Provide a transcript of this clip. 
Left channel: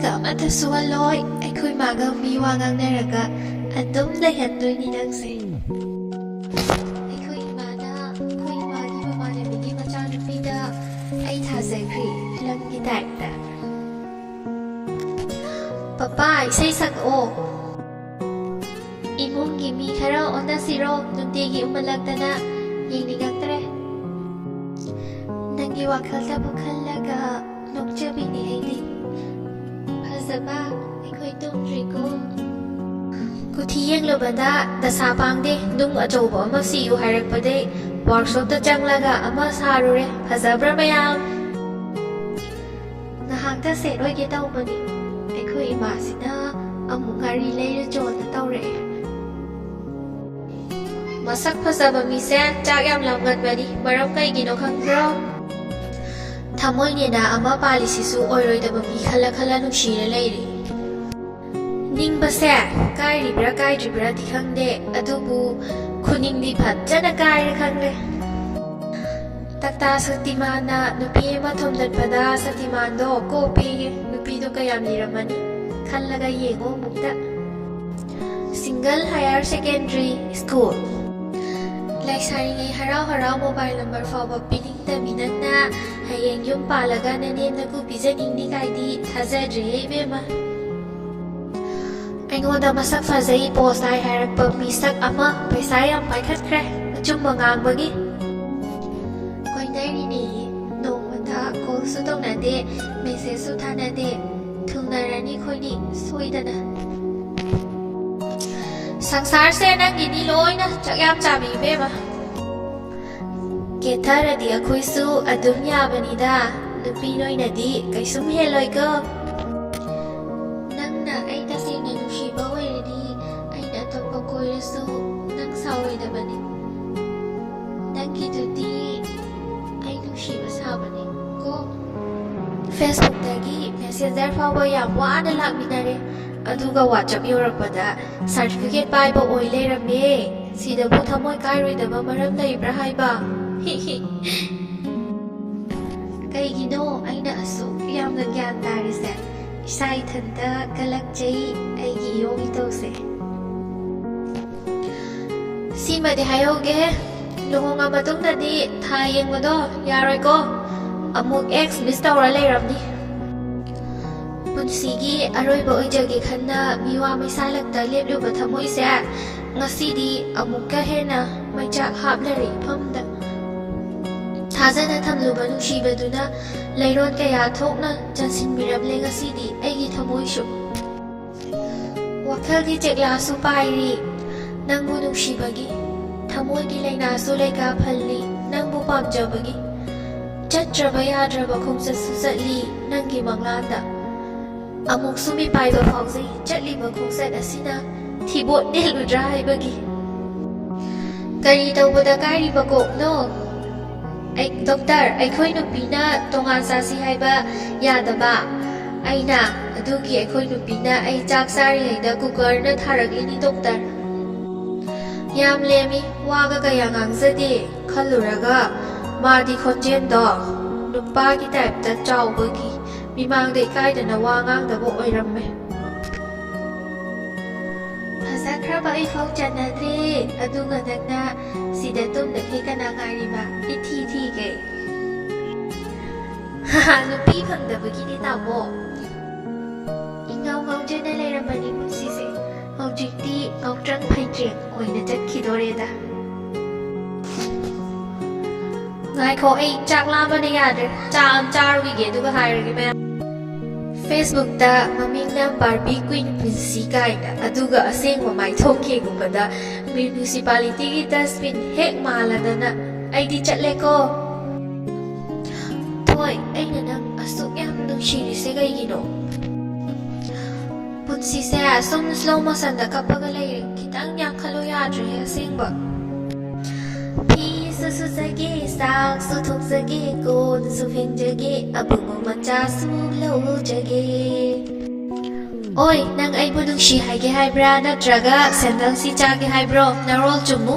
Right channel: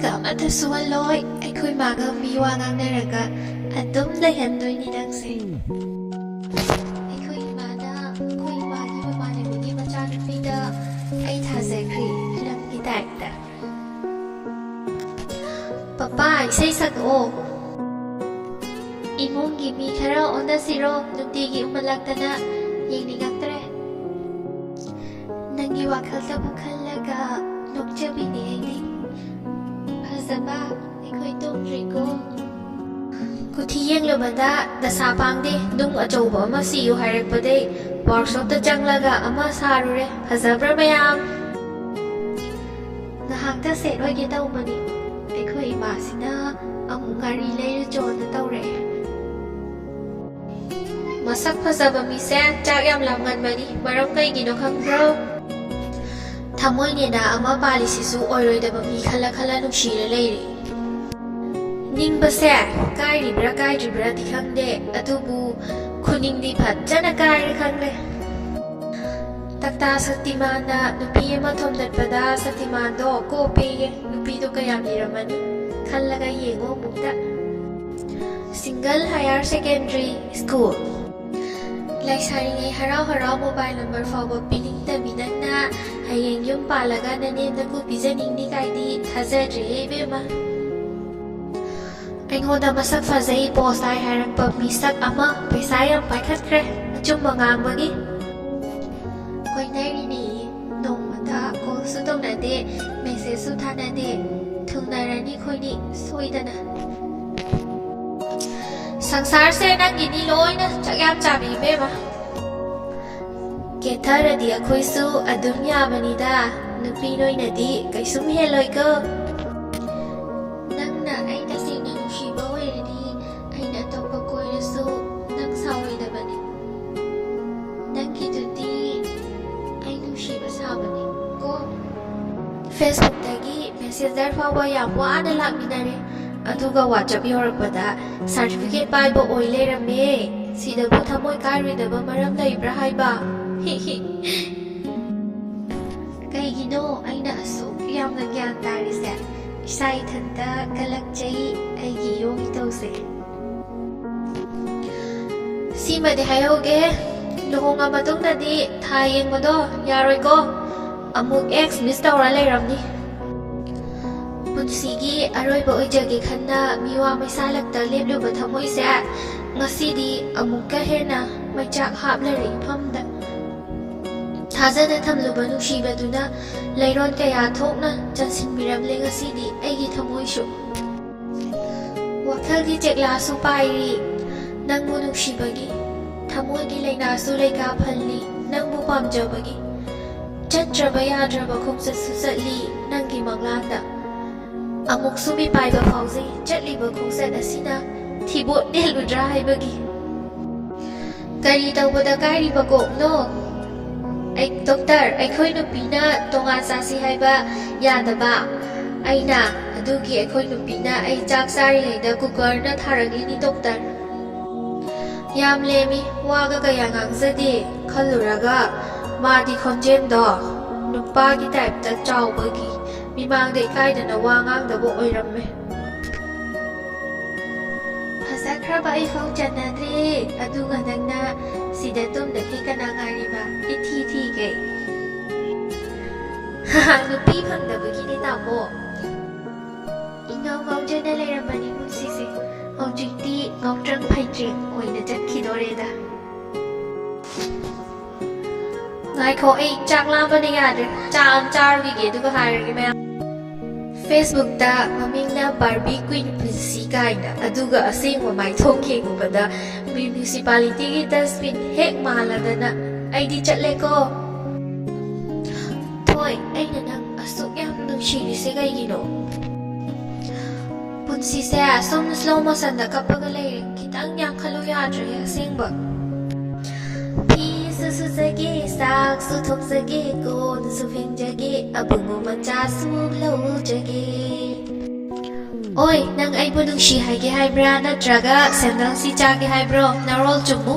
ka amata suwaloy aikoy magang miwangang naraga adum layandoy ni nangse. Aikoy imana aikoy imagi mamanamigi machanupida ay thazakri lamgi taikta. Papa isay sag-o. Imong gimi khara onda siro numtigi umalagtana yenigatre. Nangi wakal ta bukhallaga nokjabi ni aidi. Phazaba aikoy tumdrigo. Kuthiyeng lobada dasa pangde dung achouba ama siyu harakpade workshop ta changlaga ama sarure phazabra mayam. Ngahakta set oige taubani. Aikoy imasina amuk ngari leira jona taure. Masak phazaba mise chak yam lamganbani maram kaigino khangro. Thamoy nena ama palisisu oiroidaba mi khala khala nungshira leire. Ningbase kairibra kairibra di khangde adubu khuningdi phajjana kaira khangre. Takta Saktimana nupi ama thomdatpada Saktimando ko pege nupi do kayam liramani khallaga yengo mukta. Single Higher Secondary School Laisaringai harau mobile number fawba piling taminana hayeng yum palaga nanenda ku pijaningni kaidi thazadre bema. Aingonda masak fazai post ai harakpa misak ama paisa yam paikhatkre achumba ngangbagi. Koinari ni nomata call su tongnade message su thanade thungnarani khoini soidana. Sangsar se nangini loina chakyam chabi bema. Ketharadi akhoi su adum yabanida nupi noinadi kaisum heloi ko. Nangna ai tasina nushiba wairadi aina atoppa koirasu nang saoidabani. Nangidudi ai nushiba sabani ko. Facebook dagi messenger fawba yam wana lakminare. Aduga WhatsApp yorakpada certificate paiba oi leirame sidabu thamoy kairoidaba maram leibra haiba. Kaigino aina asuk yamna gyan tarise isa ithanta kalakjai aigi yogi tause. Simade hayoge luhonga matungdadi tha yengmado yaroi ko amuk ex miss tawra leiramni. Punsigi aroiba oijage khanna miwa maisalakta lebluba thamoise ngasidi amukka hena maichak hablare famda. Thazana thamluba nushibaduna leiron kaya thokna chansinbiramle ngasidi aigi thamoishu. Wakhalgi chekla su pairi nangbu nushibagi thamoigi lainasu leika phalli nangbu pamjabagi. Chatraba yadraba khumsat susatli nangi manglanda. Amuk sumi paiba phawzai chatliba khongsat asina thibot neludra haibagi. Kari tawbada kairiba kokno. Ai doctor aikhoi nupina tongan sasi haiba yadaba. Aina adugi aikhoi nupina ai chak sari haida cooker na tharagini doctor. Yam lemi waga kaya ngangzadi khalluraga madi khonjendo nupa ki type ta chawbagi. Mimang de kaidana wangang dabo oiramme. Phazakhraba ai phau chanadre adunga nangna sida tum dakhe kana ngariba ithi thi ge. Ha nupi phangdabagi ni tamo. Ingau ngau jana leiramani punsise haujikti ngautrang phaitreng oina chatkidoreda. Ngai ko ai chak lamba ne yadre cham charwi ge duga hairagi ma. Facebook da mamingna Barbie Queen Princey kaina aduga asengwa mai thoke gubada municipality gi dustbin hek maladana aidi chatle ko. Thoi aina nang asuk yam nungshiri se gaigino. Punsi se som slow motion da kapaga leire kitang yang khalo yadre asengba. Su sage sak su thok sage ko su phing jage abungu macha su lau jage. Oi nang ai bunung shi haige haibra natraga sendang si chage haibro narol chumu.